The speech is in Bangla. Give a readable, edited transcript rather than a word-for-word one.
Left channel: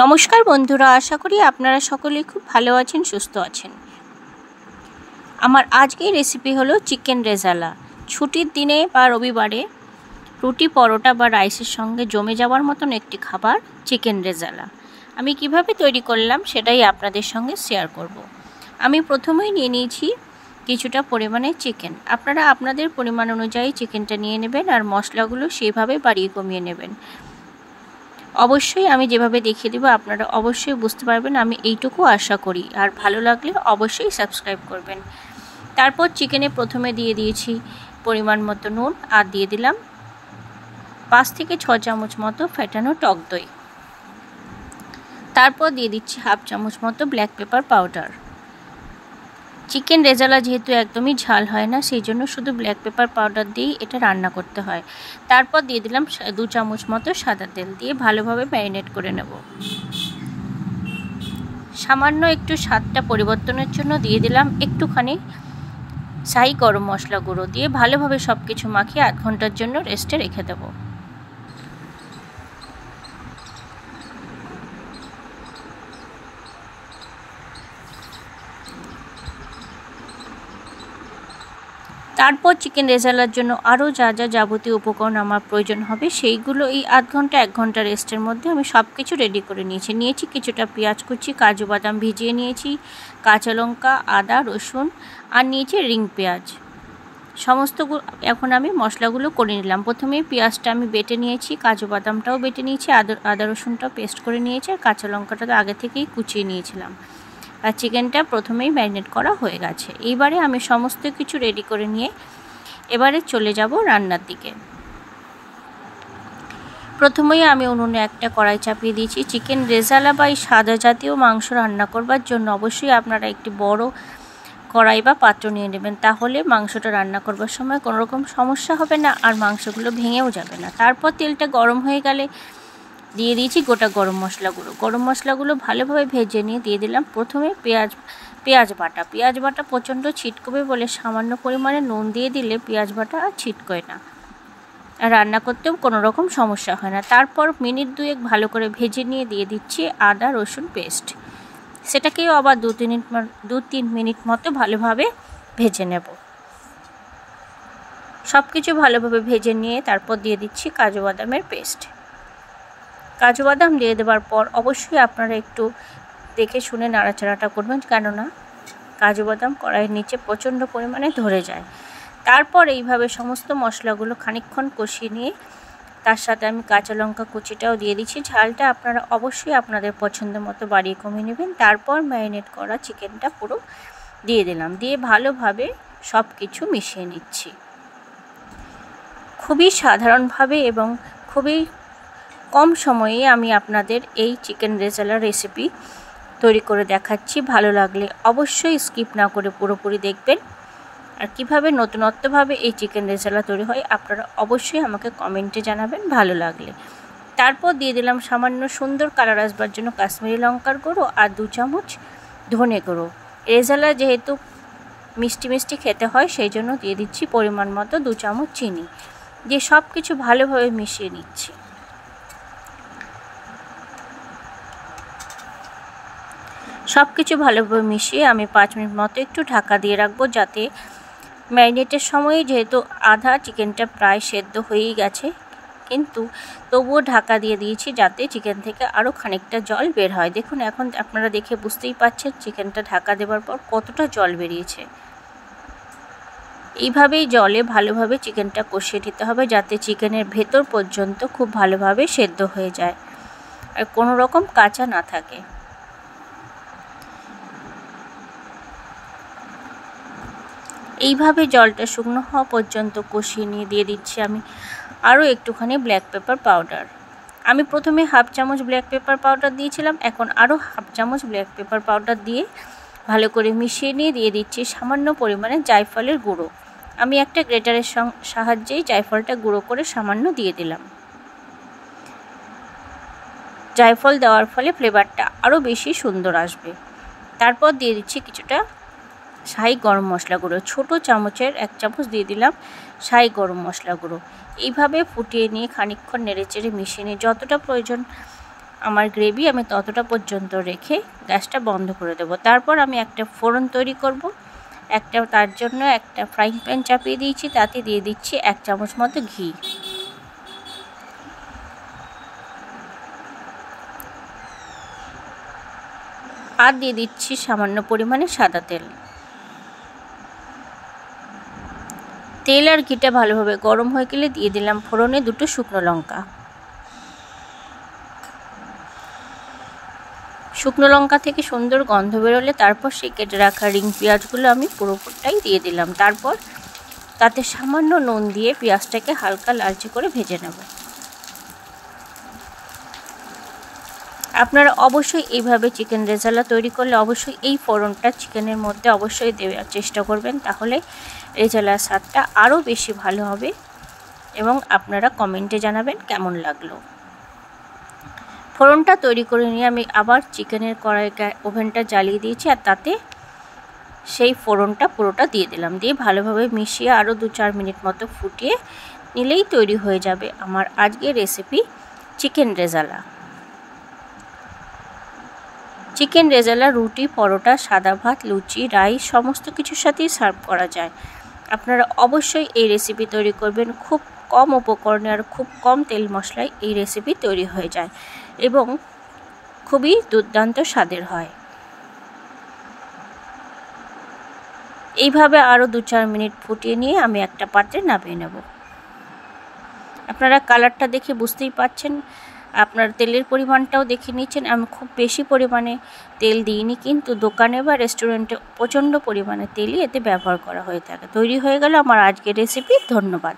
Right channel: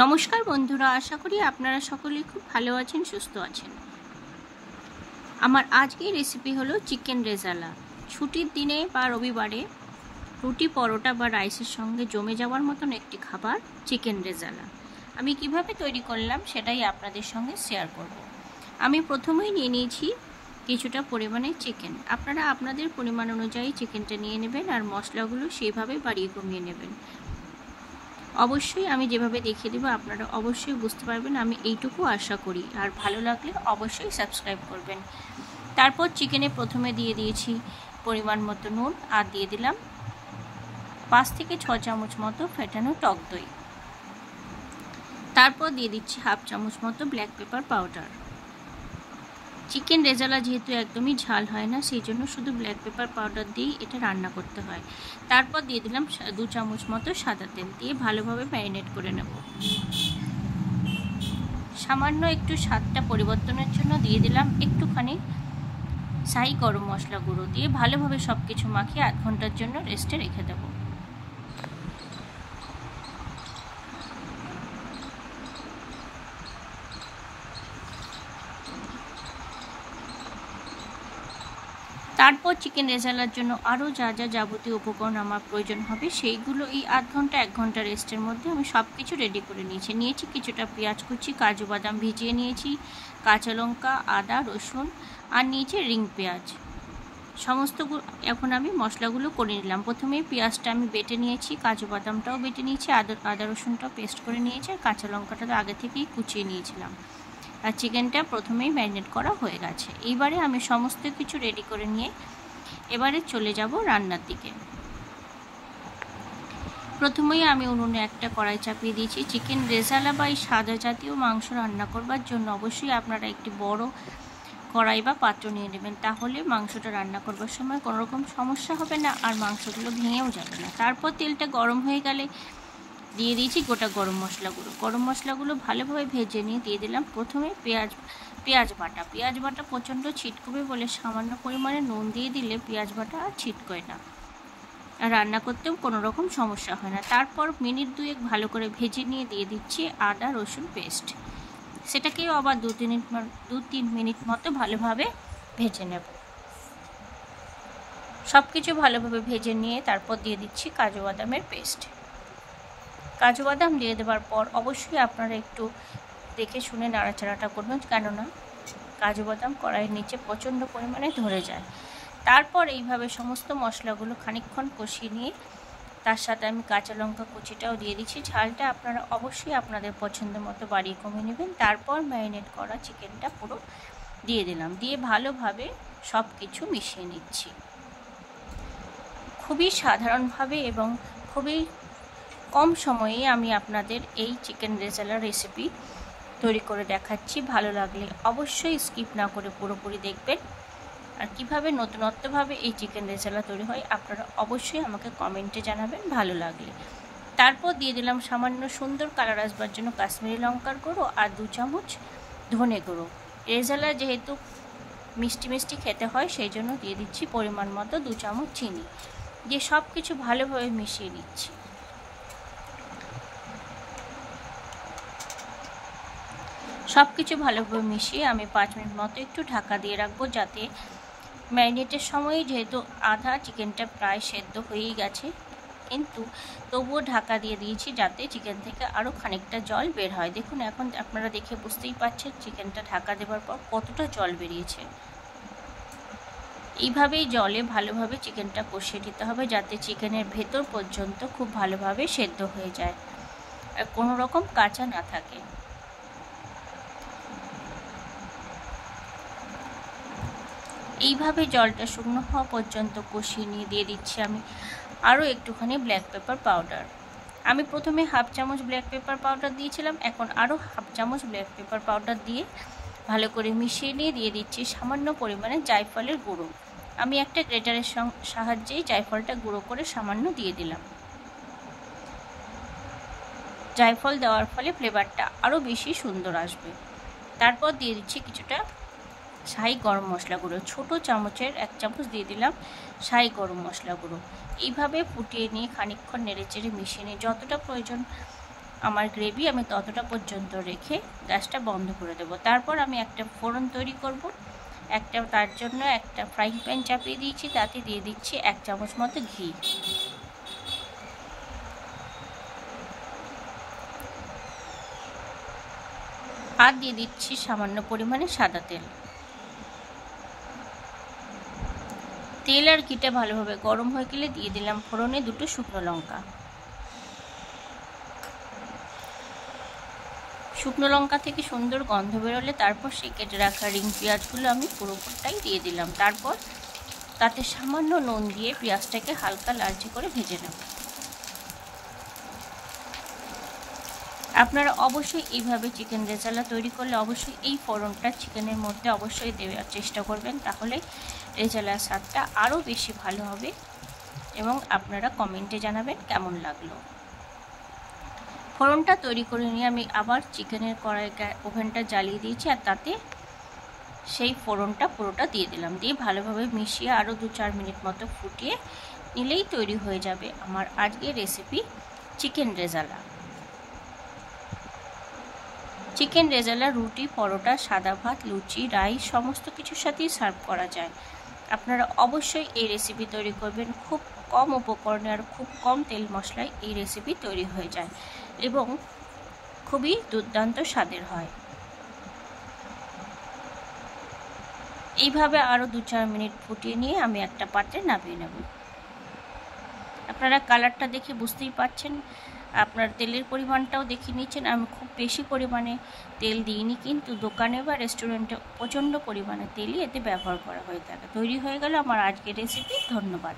নমস্কার বন্ধুরা, আশা করি আপনারা সকলেই খুব ভালো আছেন, সুস্থ আছেন। আমার আজকের রেসিপি হলো চিকেন রেজালা। ছুটির দিনে বা রবিবারে রুটি, পরোটা বা রাইসের সঙ্গে জমে যাওয়ার মতন একটি খাবার চিকেন রেজালা। আমি কিভাবে তৈরি করলাম সেটাই আপনাদের সঙ্গে শেয়ার করব। আমি প্রথমেই নিয়ে নিয়েছি কিছুটা পরিমাণে চিকেন। আপনারা আপনাদের পরিমাণ অনুযায়ী চিকেনটা নিয়ে নেবেন আর মশলাগুলো সেইভাবে বাড়িয়ে কমিয়ে নেবেন। অবশ্যই আমি যেভাবে দেখিয়ে দেবো আপনারা অবশ্যই বুঝতে পারবেন, আমি এইটুকু আশা করি। আর ভালো লাগলে অবশ্যই সাবস্ক্রাইব করবেন। তারপর চিকেনে প্রথমে দিয়ে দিয়েছি পরিমাণ মতো নুন আর দিয়ে দিলাম 5 থেকে 6 চামচ মতো ফেটানো টক দই। তারপর দিয়ে দিচ্ছি হাফ চামচ মতো black pepper powder. Chicken rezala যেহেতু একদমই ঝাল হয় না, সেই জন্য শুধু ব্ল্যাক পেপার পাউডার দিয়েই এটা রান্না করতে হয়। তারপর দিয়ে দিলাম 2 চামচ মতো সাদা তেল, দিয়ে ভালোভাবে ম্যারিনেট করে নেব। সামান্য একটু স্বাদটা পরিবর্তনের জন্য দিয়ে দিলাম একটুখানি শাহি গরম মশলা গুঁড়ো, দিয়ে ভালোভাবে সব কিছু মাখিয়ে 8 ঘন্টার জন্য রেস্টে রেখে দেবো। তারপর চিকেন রেজালার জন্য আরও যা যা যাবতীয় উপকরণ আমার প্রয়োজন হবে সেইগুলো এই 1 ঘন্টা রেস্টের মধ্যে আমি সব কিছু রেডি করে নিয়েছি কিছুটা পেঁয়াজ কুচি, কাজু বাদাম ভিজিয়ে নিয়েছি, কাঁচা লঙ্কা, আদা, রসুন আর নিয়েছি রিং পেঁয়াজ। সমস্তগুলো এখন আমি মশলাগুলো করে নিলাম। প্রথমেই পেঁয়াজটা আমি বেটে নিয়েছি, কাজু বাদামটাও বেটে নিয়েছি, আদা রসুনটাও পেস্ট করে নিয়েছি, আর কাঁচা লঙ্কাটা তো আগে থেকেই কুচিয়ে নিয়েছিলাম। আর চিকেনটা প্রথমেই ম্যারিনেট করা হয়ে গেছে। এইবারে আমি সমস্ত কিছু রেডি করে নিয়ে এবারে চলে যাব রান্নার দিকে। প্রথমেই আমি উনুনে একটা কড়াই চাপিয়ে দিয়েছি। চিকেন রেজালা বা এই সাদা জাতীয় মাংস রান্না করবার জন্য অবশ্যই আপনারা একটি বড় কড়াই বা পাত্র নিয়ে নেবেন, তাহলে মাংসটা রান্না করবার সময় কোনো রকম সমস্যা হবে না আর মাংসগুলো ভেঙেও যাবে না। তারপর তেলটা গরম হয়ে গেলে দিয়ে দিয়েছি গোটা গরম মশলাগুলো ভালোভাবে ভেজে নিয়ে দিয়ে দিলাম প্রথমে পেঁয়াজ বাটা প্রচণ্ড ছিটকবে বলে সামান্য পরিমাণে নুন দিয়ে দিলে পেঁয়াজ বাটা আর ছিটকোয় না, আর রান্না করতেও কোনো রকম সমস্যা হয় না। তারপর মিনিট 2 ভালো করে ভেজে নিয়ে দিয়ে দিচ্ছি আদা রসুন পেস্ট। সেটাকেও আবার 2-3 মিনিট মতো ভালোভাবে ভেজে নেব। সব কিছু ভালোভাবে ভেজে নিয়ে তারপর দিয়ে দিচ্ছি কাজু বাদামের পেস্ট। কাজু বাদাম দিয়ে দেওয়ার পর অবশ্যই আপনারা একটু দেখে শুনে নাড়াচাড়াটা করবেন, কেননা কাজু বাদাম কড়াইয়ের নিচে প্রচণ্ড পরিমাণে ধরে যায়। তারপর এইভাবে সমস্ত মশলাগুলো খানিকক্ষণ কষিয়ে নিয়ে তার সাথে আমি কাঁচা লঙ্কা কুচিটাও দিয়ে দিচ্ছি। ঝালটা আপনারা অবশ্যই আপনাদের পছন্দ মতো বাড়িয়ে কমিয়ে নেবেন। তারপর ম্যারিনেট করা চিকেনটা পুরো দিয়ে দিলাম, দিয়ে ভালোভাবে সব কিছু মিশিয়ে নিচ্ছি। খুবই সাধারণভাবে এবং খুবই কম সময়ে আমি আপনাদের এই চিকেন রেজালা রেসিপি তৈরি করে দেখাচ্ছি। ভালো লাগলে অবশ্যই স্কিপ না করে পুরোপুরি দেখবেন। আর কীভাবে নতুনত্বভাবে এই চিকেন রেজালা তৈরি হয় আপনারা অবশ্যই আমাকে কমেন্টে জানাবেন ভালো লাগলে। তারপর দিয়ে দিলাম সামান্য সুন্দর কালার আসবার জন্য কাশ্মীরি লঙ্কার গুঁড়ো আর 2 চামচ ধনে গুঁড়ো। রেজালা যেহেতু মিষ্টি খেতে হয় সেই জন্য দিয়ে দিচ্ছি পরিমাণ মতো 2 চামচ চিনি, দিয়ে সব কিছু ভালোভাবে মিশিয়ে নিচ্ছি। সব কিছু ভালোভাবে মিশিয়ে আমি 5 মিনিট মতো একটু ঢাকা দিয়ে রাখবো, যাতে ম্যারিনেটের সময় যেহেতু আধা চিকেনটা প্রায় সেদ্ধ হয়েই গেছে, কিন্তু তবুও ঢাকা দিয়ে দিয়েছি যাতে চিকেন থেকে আরও খানিকটা জল বের হয়। দেখুন এখন আপনারা দেখে বুঝতেই পারছেন চিকেনটা ঢাকা দেওয়ার পর কতটা জল বেরিয়েছে। এইভাবেই জলে ভালোভাবে চিকেনটা কষিয়ে দিতে হবে, যাতে চিকেনের ভেতর পর্যন্ত খুব ভালোভাবে সেদ্ধ হয়ে যায় আর কোনো রকম কাঁচা না থাকে। এইভাবে জলটা শুকনো হওয়া পর্যন্ত কষিয়ে নিয়ে দিয়ে দিচ্ছি আমি আরও একটুখানি ব্ল্যাক পেপার পাউডার। আমি প্রথমে হাফ চামচ ব্ল্যাক পেপার পাউডার দিয়েছিলাম, এখন আরও হাফ চামচ ব্ল্যাক পেপার পাউডার দিয়ে ভালো করে মিশিয়ে নিয়ে দিয়ে দিচ্ছি সামান্য পরিমাণে জায়ফলের গুঁড়ো। আমি একটা গ্রেটারের সাহায্যেই জায়ফলটা গুঁড়ো করে সামান্য দিয়ে দিলাম। জায়ফল দেওয়ার ফলে ফ্লেভারটা আরও বেশি সুন্দর আসবে। তারপর দিয়ে দিচ্ছি কিছুটা শাহি গরম মশলা গুঁড়ো, ছোটো চামচের 1 চামচ দিয়ে দিলাম শাহি গরম মশলা গুঁড়ো। এইভাবে ফুটিয়ে নিয়ে খানিকক্ষণ নেড়েচেড়ে মিশিয়ে নিয়ে যতটা প্রয়োজন আমার গ্রেভি আমি ততটা পর্যন্ত রেখে গ্যাসটা বন্ধ করে দেবো। তারপর আমি একটা ফোড়ন তৈরি করব। তার জন্য একটা ফ্রাইং প্যান চাপিয়ে দিয়েছি, তাতে দিয়ে দিচ্ছি 1 চামচ মতো ঘি। আর দিয়ে দিচ্ছি সামান্য পরিমাণে সাদা তেল। তেল আর ঘিটা ভালোভাবে গরম হয়ে গেলে দিয়ে দিলাম ফোড়নে 2 শুকনো লঙ্কা। শুকনো লঙ্কা থেকে সুন্দর গন্ধ বেরোলে তারপর সেই কেটে রাখা রিং পেঁয়াজগুলো আমি পুরোটাই দিয়ে দিলাম। তারপর তাতে সামান্য নুন দিয়ে পেঁয়াজটাকে হালকা লালচে করে ভেজে নেব। আপনারা অবশ্যই এইভাবে চিকেন রেজালা তৈরি করলে অবশ্যই এই ফোড়নটা চিকেনের মধ্যে অবশ্যই দেওয়ার চেষ্টা করবেন, তাহলে রেজালার স্বাদটা আরও বেশি ভালো হবে এবং আপনারা কমেন্টে জানাবেন কেমন লাগলো। ফোড়নটা তৈরি করে নিয়ে আমি আবার চিকেনের কড়াইটা ওভেনটা জ্বালিয়ে দিয়েছি, আর তাতে সেই ফোড়নটা পুরোটা দিয়ে দিলাম। দিয়ে ভালোভাবে মিশিয়ে আরও 2-4 মিনিট মতো ফুটিয়ে নিলেই তৈরি হয়ে যাবে আমার আজকের recipe chicken rezala. Chicken rezala রুটি, পরোটা, সাদা ভাত, লুচি, রাইস সমস্ত কিছুর সাথেই সার্ভ করা যায়। আপনারা অবশ্যই এই রেসিপি তৈরি করবেন। খুব কম উপকরণে আর খুব কম তেল মশলায় এই রেসিপি তৈরি হয়ে যায় এবং খুবই দুর্দান্ত স্বাদের হয়। এইভাবে আরও 2-4 মিনিট ফুটিয়ে নিয়ে আমি একটা পাত্রে নামিয়ে নেব। আপনারা কালারটা দেখে বুঝতেই পারছেন, আপনার তেলের পরিমাণটাও দেখে নিচ্ছেন। আমি খুব বেশি পরিমাণে তেল দিইনি, কিন্তু দোকানে বা রেস্টুরেন্টে প্রচণ্ড পরিমাণে তেলই এতে ব্যবহার করা হয়ে থাকে। তৈরি হয়ে গেল আমার আজকের রেসিপি। ধন্যবাদ।